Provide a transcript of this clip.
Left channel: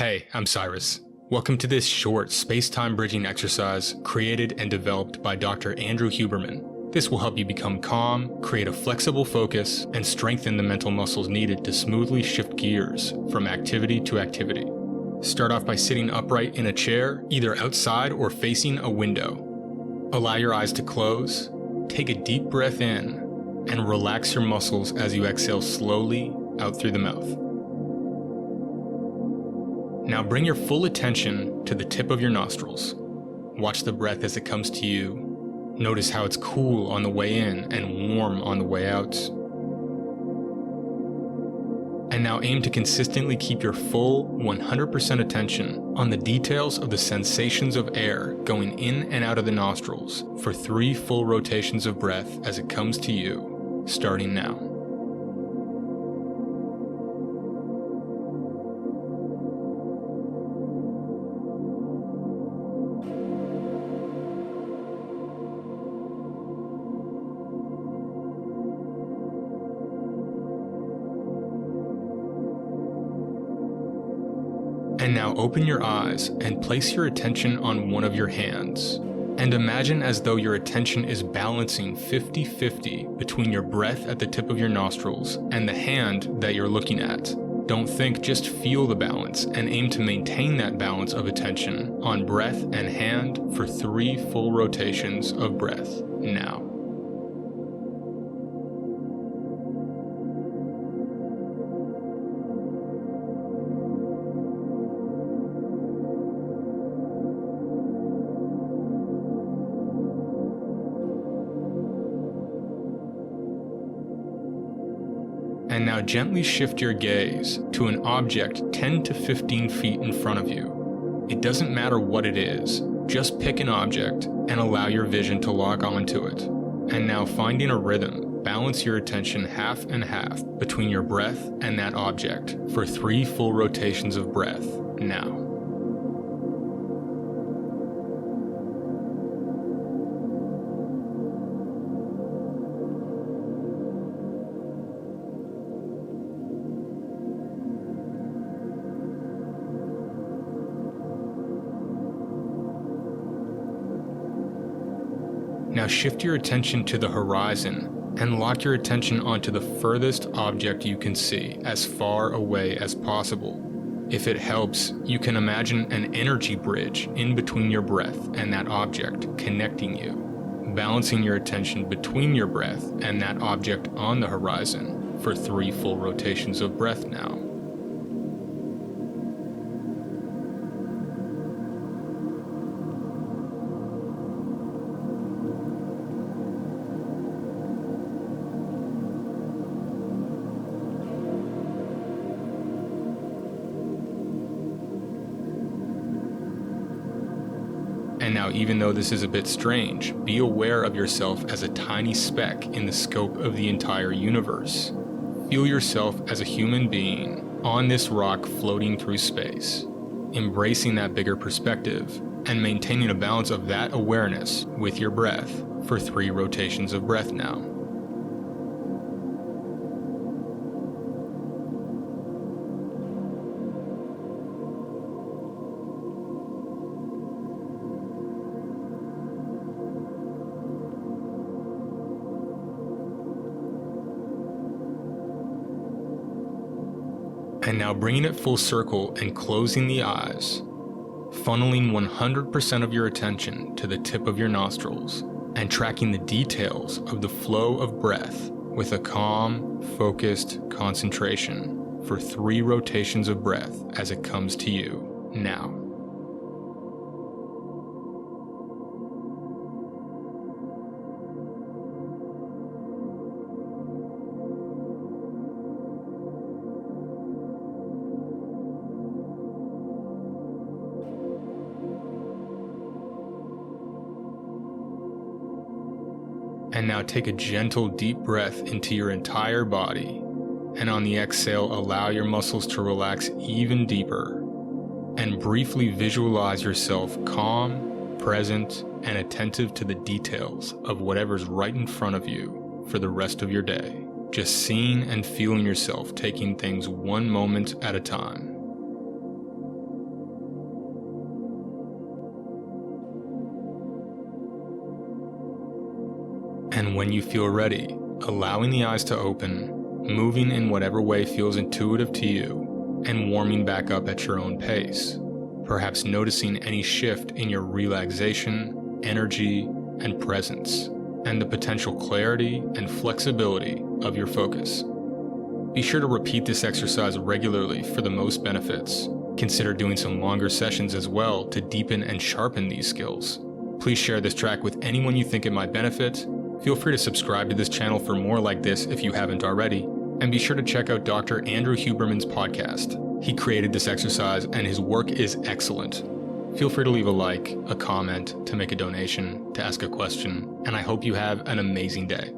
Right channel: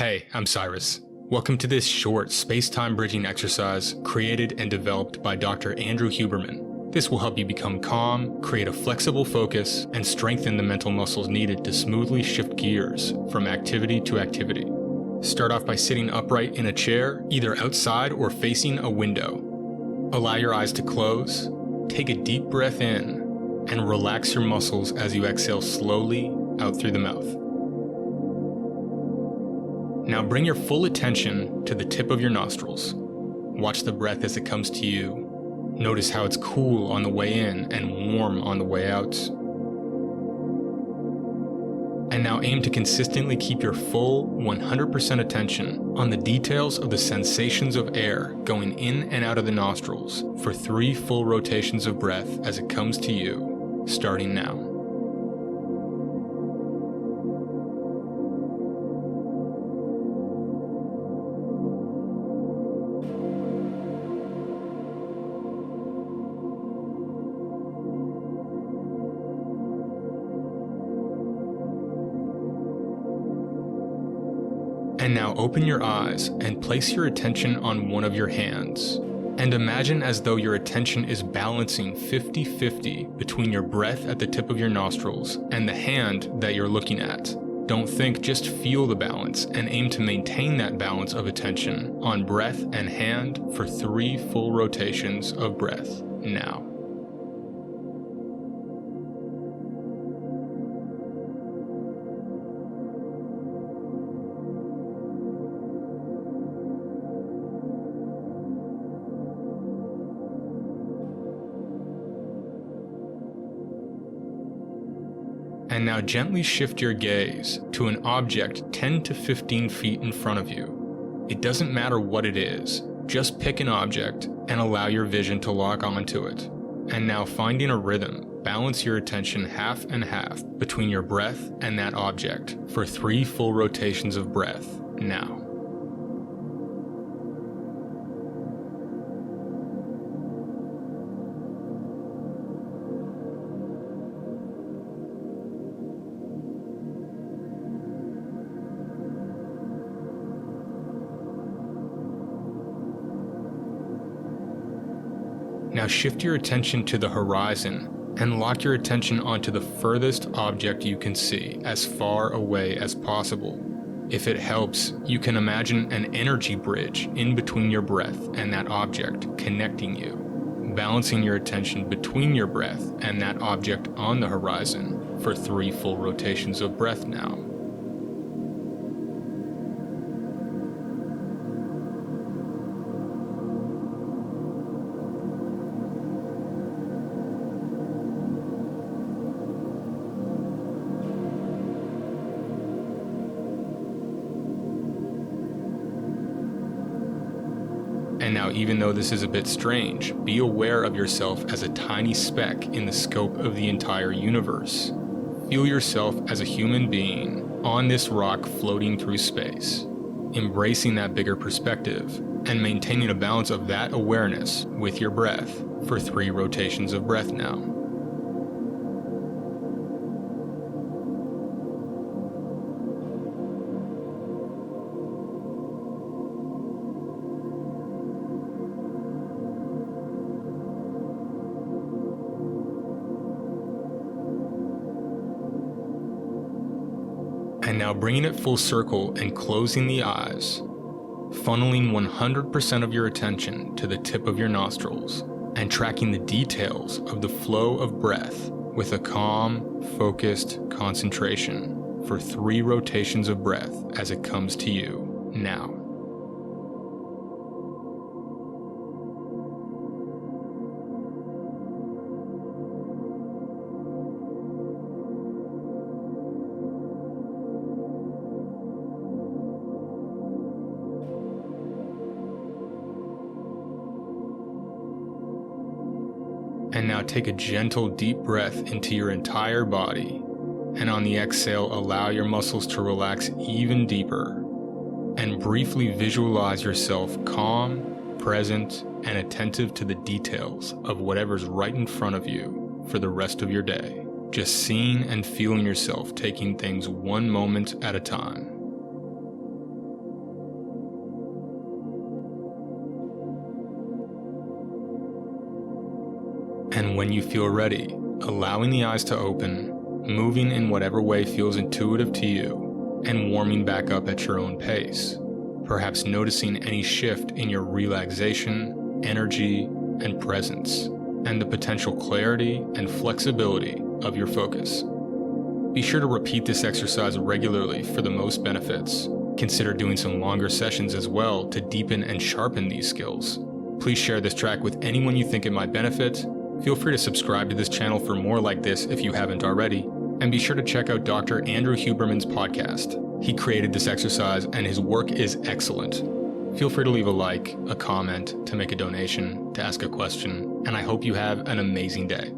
Hey, I'm Cyrus. Welcome to this short space-time bridging exercise created and developed by Dr. Andrew Huberman. This will help you become calm, create a flexible focus, and strengthen the mental muscles needed to smoothly shift gears from activity to activity. Start off by sitting upright in a chair, either outside or facing a window. Allow your eyes to close, take a deep breath in, and relax your muscles as you exhale slowly out through the mouth. Now bring your full attention to the tip of your nostrils. Watch the breath as it comes to you. Notice how it's cool on the way in and warm on the way out. And now aim to consistently keep your full 100% attention on the details of the sensations of air going in and out of the nostrils for 3 full rotations of breath as it comes to you, starting now. And now open your eyes and place your attention on one of your hands. And imagine as though your attention is balancing 50-50 between your breath at the tip of your nostrils and the hand that you're looking at. Don't think, just feel the balance and aim to maintain that balance of attention on breath and hand for 3 full rotations of breath now. And now gently shift your gaze to an object 10 to 15 feet in front of you. It doesn't matter what it is, just pick an object and allow your vision to lock onto it. And now finding a rhythm, balance your attention half and half between your breath and that object for 3 full rotations of breath now. Now shift your attention to the horizon and lock your attention onto the furthest object you can see as far away as possible. If it helps, you can imagine an energy bridge in between your breath and that object connecting you, balancing your attention between your breath and that object on the horizon for 3 full rotations of breath now. And now, even though this is a bit strange, be aware of yourself as a tiny speck in the scope of the entire universe. Feel yourself as a human being on this rock floating through space, embracing that bigger perspective and maintaining a balance of that awareness with your breath for 3 rotations of breath now. And now bringing it full circle and closing the eyes, funneling 100% of your attention to the tip of your nostrils and tracking the details of the flow of breath with a calm, focused concentration for 3 rotations of breath as it comes to you now. And now take a gentle deep breath into your entire body, and on the exhale allow your muscles to relax even deeper, and briefly visualize yourself calm, present, and attentive to the details of whatever's right in front of you for the rest of your day. Just seeing and feeling yourself taking things one moment at a time. And when you feel ready, allowing the eyes to open, moving in whatever way feels intuitive to you, and warming back up at your own pace. Perhaps noticing any shift in your relaxation, energy, and presence, and the potential clarity and flexibility of your focus. Be sure to repeat this exercise regularly for the most benefits. Consider doing some longer sessions as well to deepen and sharpen these skills. Please share this track with anyone you think it might benefit. Feel free to subscribe to this channel for more like this if you haven't already. And be sure to check out Dr. Andrew Huberman's podcast. He created this exercise and his work is excellent. Feel free to leave a like, a comment, to make a donation, to ask a question, and I hope you have an amazing day.